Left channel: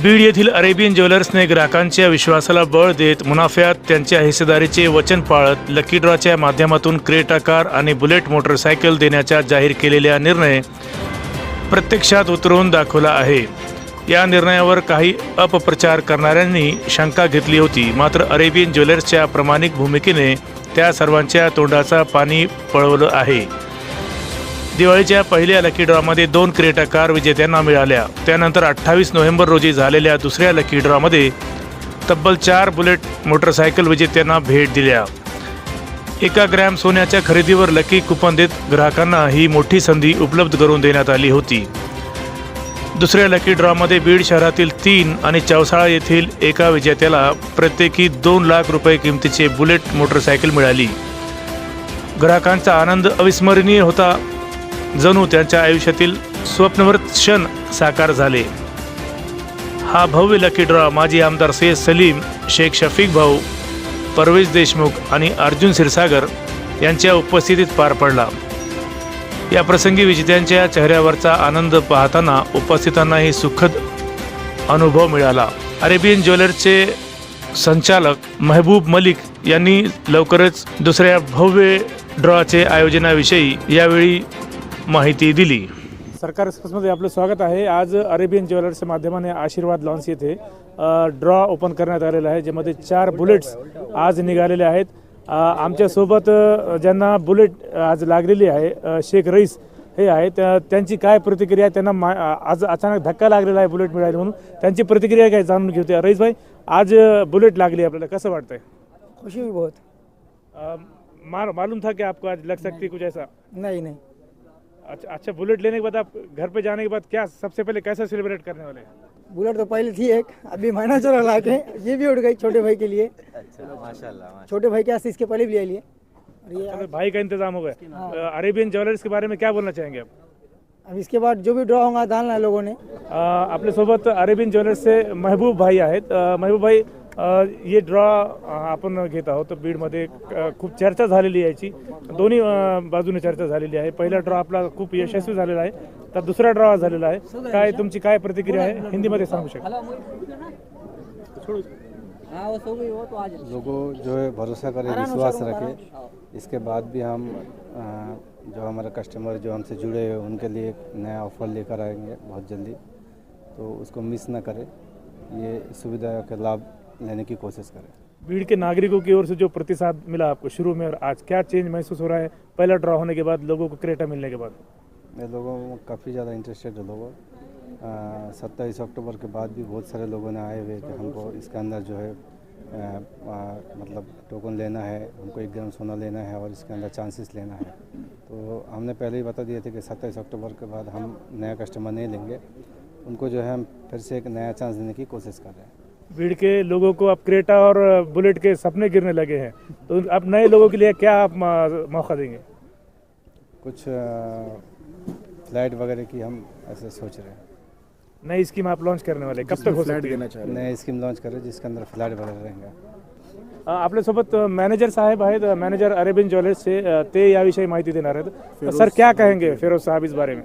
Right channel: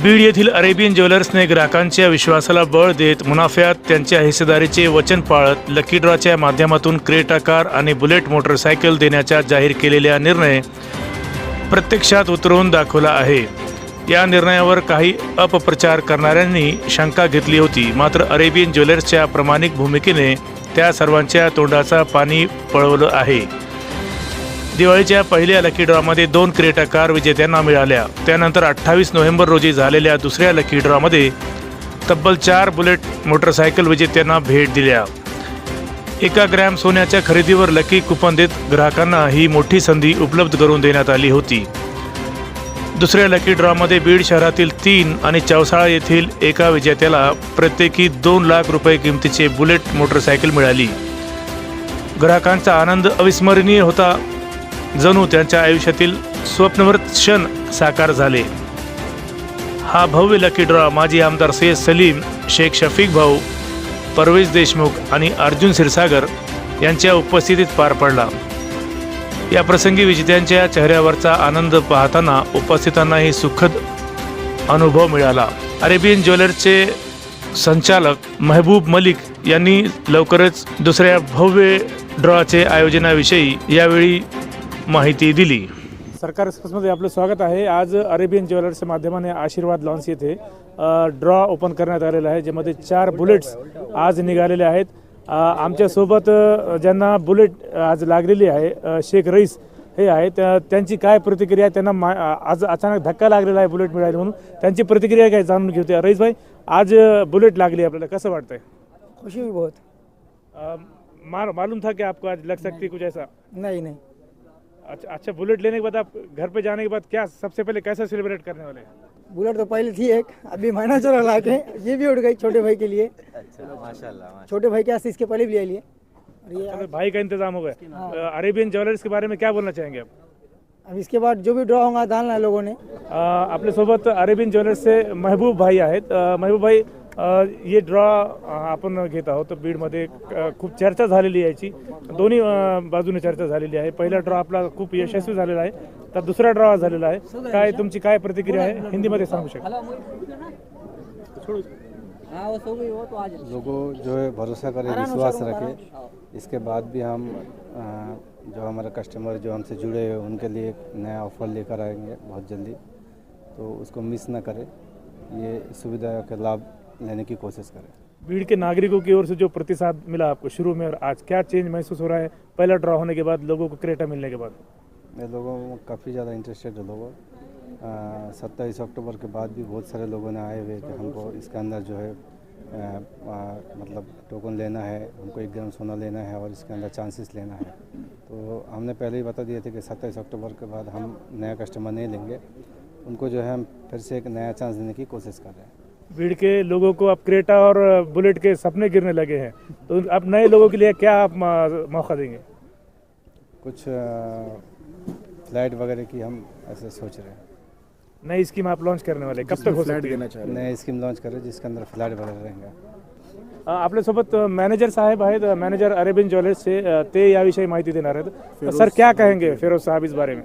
बीड येथील अरेबियन ज्वेलर्सने ग्राहकांच्या विश्वासाला बळ देत मुनाफ्यात त्यांच्या हिस्सेदारीचे वचन पाळत लकी ड्रॉच्या माध्यमातून क्रेटा कार आणि बुलेट मोटरसायकल देण्याचा जाहीर केलेला निर्णय प्रत्यक्षात उतरवून दाखवला आहे. या निर्णयावर काही अपप्रचार करणाऱ्यांनी शंका घेतली होती, मात्र अरेबियन ज्वेलर्सच्या प्रामाणिक भूमिकेने त्या सर्वांच्या तोंडाचा पाणी पळवलं आहे. दिवाळीच्या पहिल्या लकी ड्रॉमध्ये 2 क्रेटा कार विजेत्यांना मिळाल्या. त्यानंतर 28 नोव्हेंबर रोजी झालेल्या दुसऱ्या लकी ड्रॉमध्ये तब्बल 4 बुलेट मोटरसायकल विजेत्यांना भेट दिल्या. 1 ग्रॅम सोन्याच्या खरेदीवर लकी कुपन देत ग्राहकांना ही मोठी संधी उपलब्ध करून देण्यात आली होती. दुसऱ्या लकी ड्रॉमध्ये बीड शहरातील 3 आणि चौसाळा येथील एका विजेत्याला प्रत्येकी 2 लाख रुपये किमतीचे बुलेट मोटरसायकल मिळाली. ग्राहकांचा आनंद अविस्मरणीय होता. जणू त्यांच्या आयुष्यातील स्वप्नवत क्षण साकार झाले. हा भव्य लकी ड्रॉ माजी आमदार सय्यद सलीम, शेख शफीक भाऊ, परवेश देशमुख आणि अर्जुन क्षीरसागर यांच्या उपस्थितीत पार पडला. या प्रसंगी विजेत्यांच्या चेहऱ्यावरचा आनंद पाहताना उपस्थितांनाही सुखद अनुभव मिळाला. अरेबियन ज्वेलर्सचे संचालक महबूब मलिक यांनी लवकरच दुसऱ्या भव्य ड्रॉचे आयोजनाविषयी यावेळी माहिती दिली. सरकार एक्सप्रेसमध्ये आपलं स्वागत आहे. आज अरेबियन ज्वेलर्सच्या माध्यमाने आशीर्वाद लॉन्स येथे ड्रॉ ओपन करण्यात आलेला आहे, ज्यामध्ये 4 बुलेट्स आज निघालेले आहेत. आमच्यासोबत ज्यांना बुलेट आज लागलेली आहे शेख रईस हे आहेत. त्यांची काय प्रतिक्रिया, त्यांना आज अचानक धक्का लागलेला आहे बुलेट मिळाली म्हणून, त्यांची प्रतिक्रिया काय जाणून घेऊया. रईस भाई, आज बुलेट लागली, आपल्याला कसं वाटतंय? खुशी हुई बहुत. मालूम था कि आपको आज लग सकती कुछ ऐसा? नहीं. अच्छा, बुलेट लेने के बाद आप घर पे जाने के बाद क्या सबसे पहले कैसे सेलिब्रेट करने वाले हैं? बुलेट तो पहले थी एक, अभी महीना चला ला के ये भी उड़ गई छोटे भाई के लिए. अच्छा, माशाल्लाह. छोटे भाई के इसके पहले भी ले लिए. तो भाई का इंतजाम हो गया. अरेबियन ज्वेलर्स के बारे में क्या बोलना चाहेंगे आप? अब इसके बाद जो भी ड्रॉ होगा डालना है लोगों ने. आपल्यासोबत अरेबियन ज्वेलर्सचे महबूब भाई आहेत. महबूब भाई, ये ड्रॉ आपण घेत आहोत. तर बीडमध्ये खूप चर्चा झालेली आहे याची, दोन्ही बाजूने चर्चा झालेली आहे. पहिला ड्रॉ आपला खूप यशस्वी झालेला आहे, तर दुसरा ड्रॉ झालेला आहे. काय तुमची काय प्रतिक्रिया आहे, हिंदीमध्ये सांगू शकता? लोगों जो है भरोसा करे, विश्वास रखे. इसके बाद भी हम जो हमारे कस्टमर जो हमसे जुड़े हुए उनके लिए एक नया ऑफर लेकर आएंगे बहुत जल्दी, तो उसको मिस ना करें. ये सुविधा का लाभ लेने की कोशिश करें. बीड़ के नागरिकों की ओर से जो प्रतिसाद मिला आपको शुरू में और आज, क्या चेंज महसूस हो रहा है पहला ड्रॉ होने के बाद, लोगों को क्रेटा मिलने के बाद? ये लोगों में काफ़ी ज़्यादा इंटरेस्टेड है. लोगों 27 अक्टूबर के बाद भी बहुत सारे लोगों ने आए हुए कि हमको इसके अंदर जो है मतलब टोकन लेना है, हमको 1 ग्राम सोना लेना है और इसके अंदर चांसेस लेना है. तो हमने पहले ही बता दिए थे कि 27 अक्टूबर के बाद हम नया कस्टमर नहीं लेंगे. उनको जो है हम फिर से एक नया चांस देने की कोशिश कर रहे हैं. बीड़ के लोगों को अब क्रेटा और बुलेट के सपने गिरने लगे हैं, तो अब नए लोगों के लिए क्या आप मौका देंगे? कुछ फ्लाइट वगैरह की हम ऐसे सोच रहे हैं. नई स्कीम आप लॉन्च करने वाले, कब तक हो सकती है? नए स्कीम लॉन्च करें जिसके अंदर फ्लाइट वगैरह रहेंगे. आपल्यासोबत मॅनेजर साहेब आहेत, मॅनेजर अरेबियन ज्वेलर्सचे, ते याविषयी माहिती देणार आहेत. सर, क्या कहेंगे फिरोज साहब इस बारे में?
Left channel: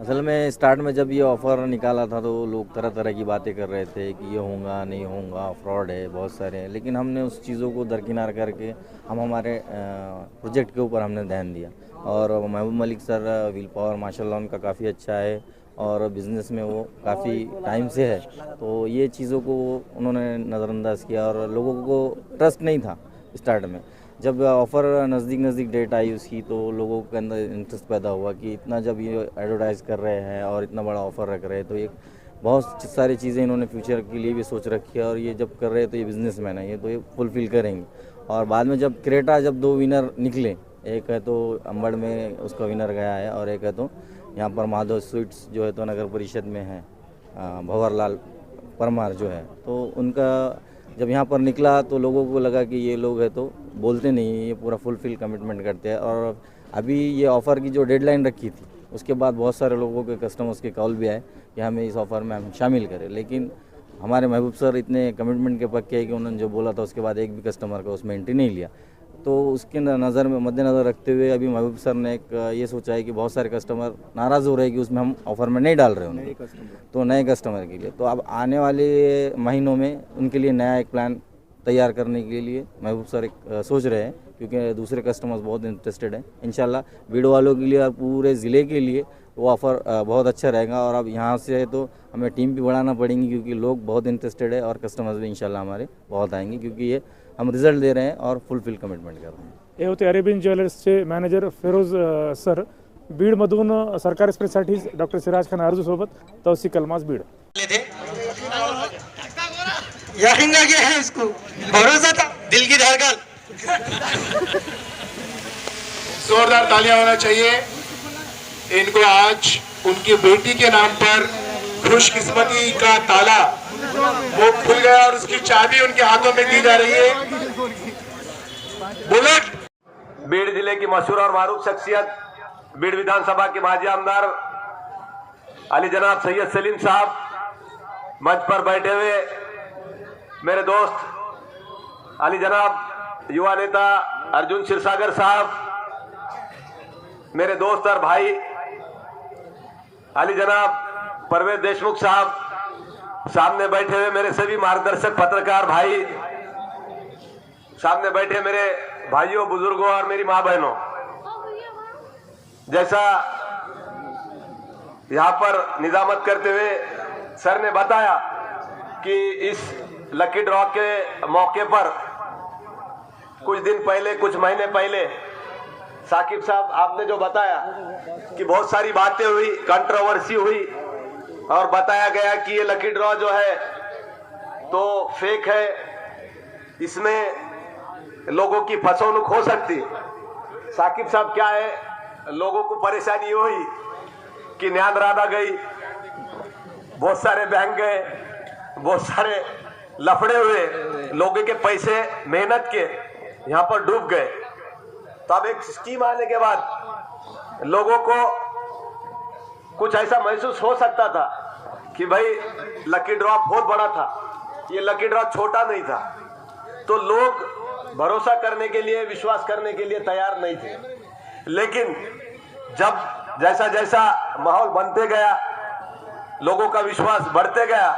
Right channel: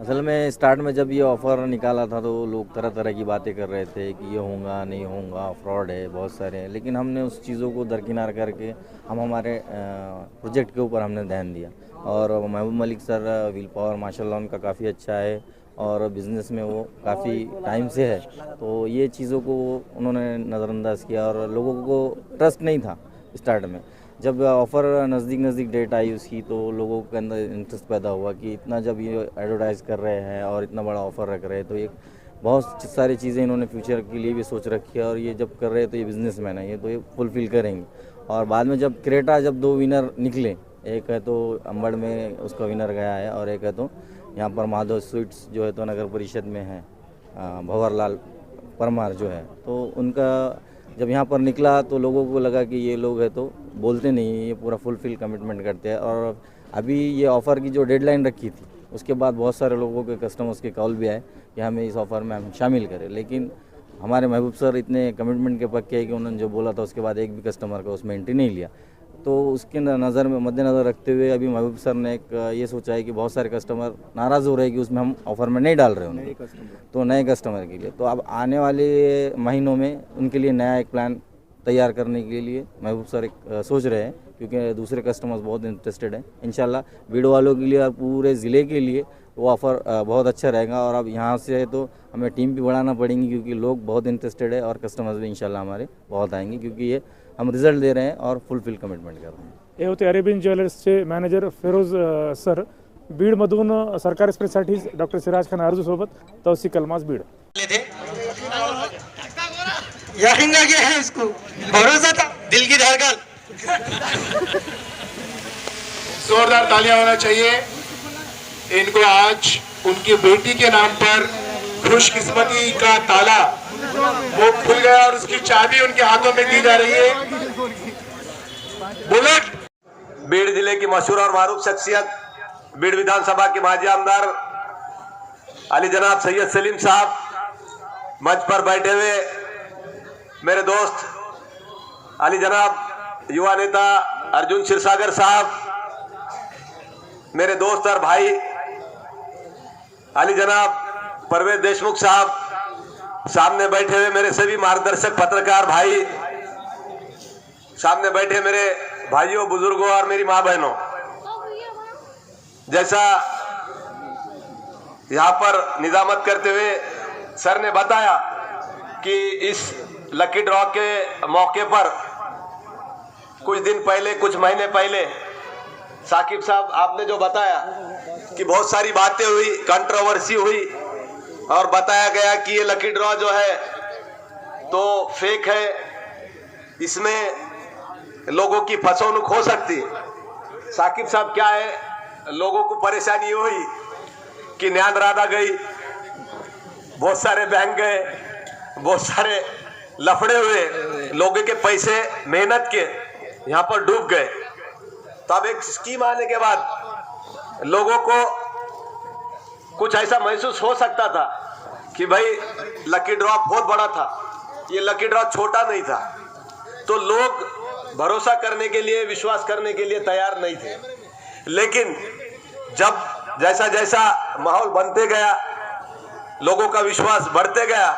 असल में स्टार्ट में जब ये ऑफ़र निकाला था तो लोग तरह तरह की बातें कर रहे थे कि ये होगा नहीं होगा, फ्रॉड है, बहुत सारे हैं. लेकिन हमने उस चीज़ों को दरकिनार करके हम हमारे प्रोजेक्ट के ऊपर हमने ध्यान दिया. और महबूब मलिक सर विल पावर माशाल्लाह उनका काफ़ी अच्छा है और बिज़नेस में वो काफ़ी टाइम से है, तो ये चीज़ों को उन्होंने नज़रअंदाज किया और लोगों को ट्रस्ट नहीं था स्टार्ट में. जब ऑफ़र नज़दीक डेट आई उसकी, तो लोगों के अंदर इंटरेस्ट पैदा हुआ कि इतना जब ये एडवर्टाइज़ कर रहे हैं और इतना बड़ा ऑफ़र रख रहे हैं, तो एक बहुत सारी चीज़ें इन्होंने फ्यूचर के लिए भी सोच रखी है. और ये जब कर रहे हैं तो ये बिज़नेसमैन है, ये तो ये फुलफ़िल करेंगे. और बाद में जब क्रेटा जब 2 विनर निकले, एक है तो अंबड़ में उसका विनर गया है और एक है तो यहाँ पर माधव स्वीट्स जो है तो नगर परिषद में है, भंवरलाल परमार जो है, तो उनका जब यहाँ पर निकला तो लोगों को लगा कि ये लोग है तो बोलते नहीं, ये पूरा फुलफिल कमिटमेंट करते हैं. और अभी ये ऑफ़र की जो डेडलाइन रखी थी उसके बाद बहुत सारे लोगों के कस्टमर्स के कॉल भी आए कि हमें इस ऑफ़र में हम शामिल करें. लेकिन हमारे महबूब सर इतने कमिटमेंट के पक्के हैं कि उन्होंने जो बोला था उसके बाद एक भी कस्टमर का उसमें एंट्री नहीं लिया. तो उसके नज़र में मद्देनज़र रखते हुए अभी महबूब सर ने एक ये सोचा है कि बहुत सारे कस्टमर नाराज़ हो रहे हैं कि उसमें हम ऑफ़र में नहीं डाल रहे हैं तो नए कस्टमर के लिए। तो अब आने वाले महीनों में उनके लिए नया एक प्लान तैयार करने के लिए महबूब सर एक सोच रहे हैं, क्योंकि दूसरे कस्टमर्स बहुत इंटरेस्टेड हैं। इंशाल्लाह बीड़ वालों के लिए और पूरे ज़िले के लिए वो ऑफ़र बहुत अच्छा रहेगा। और अब यहाँ से तो हमें टीम भी बढ़ाना पड़ेगी, क्योंकि लोग बहुत इंटरेस्टेड है और कस्टमर्स भी इंशाल्लाह हमारे बहुत आएंगे, क्योंकि ये हम रिझल्ट दे रहे हैं और फुलफिल कमिटमेंट कर रहे हैं। हे होते अरेबियन ज्वेलर्सचे मॅनेजर फिरोज सर. बीडमधून सरकारी एक्सप्रेससाठी डॉक्टर सिराज खान आरजूसोबत तौसिक अल्मास बीड. यारिंगा क्या है इसको भरोसा था दिल की धड़कन. जोरदार तालियां होना चाहिए इनको. आज उनकी बेटी के नाम पर खुशकिस्मती का ताला वो खुल गया और उसकी चाबी उनके हाथों में दी जा रही है. बुलेट बीड़ जिले की मशहूर और मारूफ शख्सियत, बीड़ विधानसभा के माजी आमदार अली जनाब सैयद सलीम साहब, मंच पर बैठे हुए मेरे दोस्त अली जनाब युवा नेता अर्जुन क्षीरसागर साहब, मेरे दोस्त और भाई अली जनाब परवेज देशमुख साहब, सामने बैठे हुए मेरे सभी मार्गदर्शक पत्रकार भाई, सामने बैठे मेरे भाइयों बुजुर्गों और मेरी माँ बहनों. जैसा यहाँ पर निजामत करते हुए सर ने बताया कि इस लकी ड्रॉ के मौके पर कुछ दिन पहले, कुछ महीने पहले साकिब साहब आपने जो बताया कि बहुत सारी बातें हुई, कंट्रोवर्सी हुई और बताया गया कि ये लकी ड्रॉ जो है तो फेक है, इसमें लोगों की फसौनुक हो सकती है. साकिब साहब क्या है, लोगों को परेशानी हुई कि न्यान राधा गई, बहुत सारे बैंक गए, बहुत सारे लफड़े हुए, लोगों के पैसे मेहनत के यहाँ पर डूब गए. तो अब एक स्कीम आने के बाद लोगों को कुछ ऐसा महसूस हो सकता था कि भाई लकी ड्रॉ बहुत बड़ा था, ये लकी ड्रॉ छोटा नहीं था. तो लोग भरोसा करने के लिए, विश्वास करने के लिए तैयार नहीं थे. लेकिन जब जैसा जैसा माहौल बनते गया, लोगों का विश्वास बढ़ते गया,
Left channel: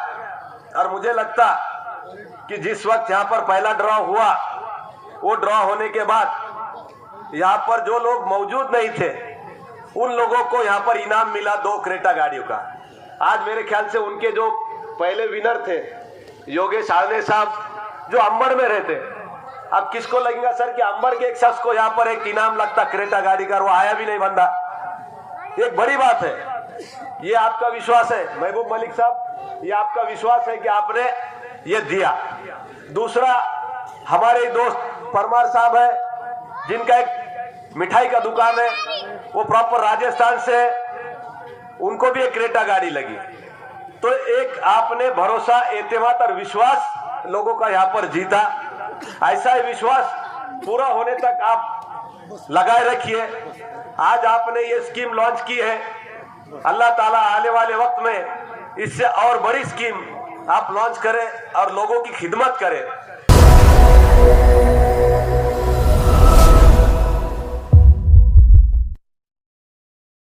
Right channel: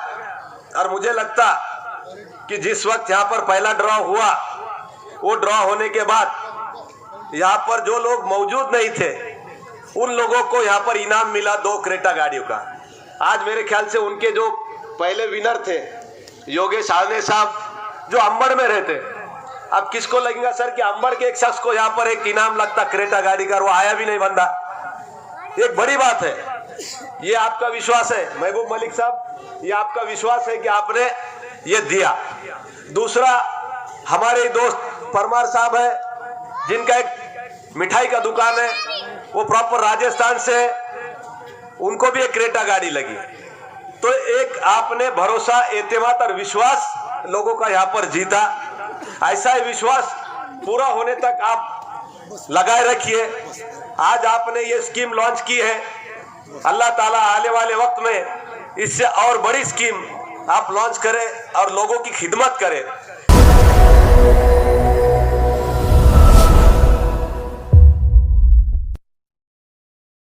और मुझे लगता कि जिस वक्त यहाँ पर पहला ड्रॉ हुआ, वो ड्रॉ होने के बाद यहाँ पर जो लोग मौजूद नहीं थे उन लोगों को यहाँ पर इनाम मिला 2 क्रेटा गाड़ियों का. आज मेरे ख्याल से उनके जो पहले विनर थे योगेश आने साहब, जो अंबड़ में रहते, अब किसको लगेगा सर कि अंबड़ के एक शख्स को यहाँ पर एक इनाम लगता क्रेटा गाड़ी का, वो आया भी नहीं बंदा. एक बड़ी बात है, ये आपका विश्वास है महबूब मलिक साहब, ये आपका विश्वास है कि आपने ये दिया. दूसरा, हमारे दोस्त परमार साहब है जिनका एक मिठाई का दुकान है, वो प्रॉपर राजस्थान से, उनको भी एक क्रेटा गाड़ी लगी. तो एक आपने भरोसा, एतमाद और विश्वास लोगों का यहाँ पर जीता. ऐसा ही विश्वास पूरा होने तक आप लगाए रखिए. आज आपने ये स्कीम लॉन्च की है, अल्लाह ताला आने वाले वक्त में इससे और बड़ी स्कीम आप लॉन्च करें और लोगों की खिदमत करें.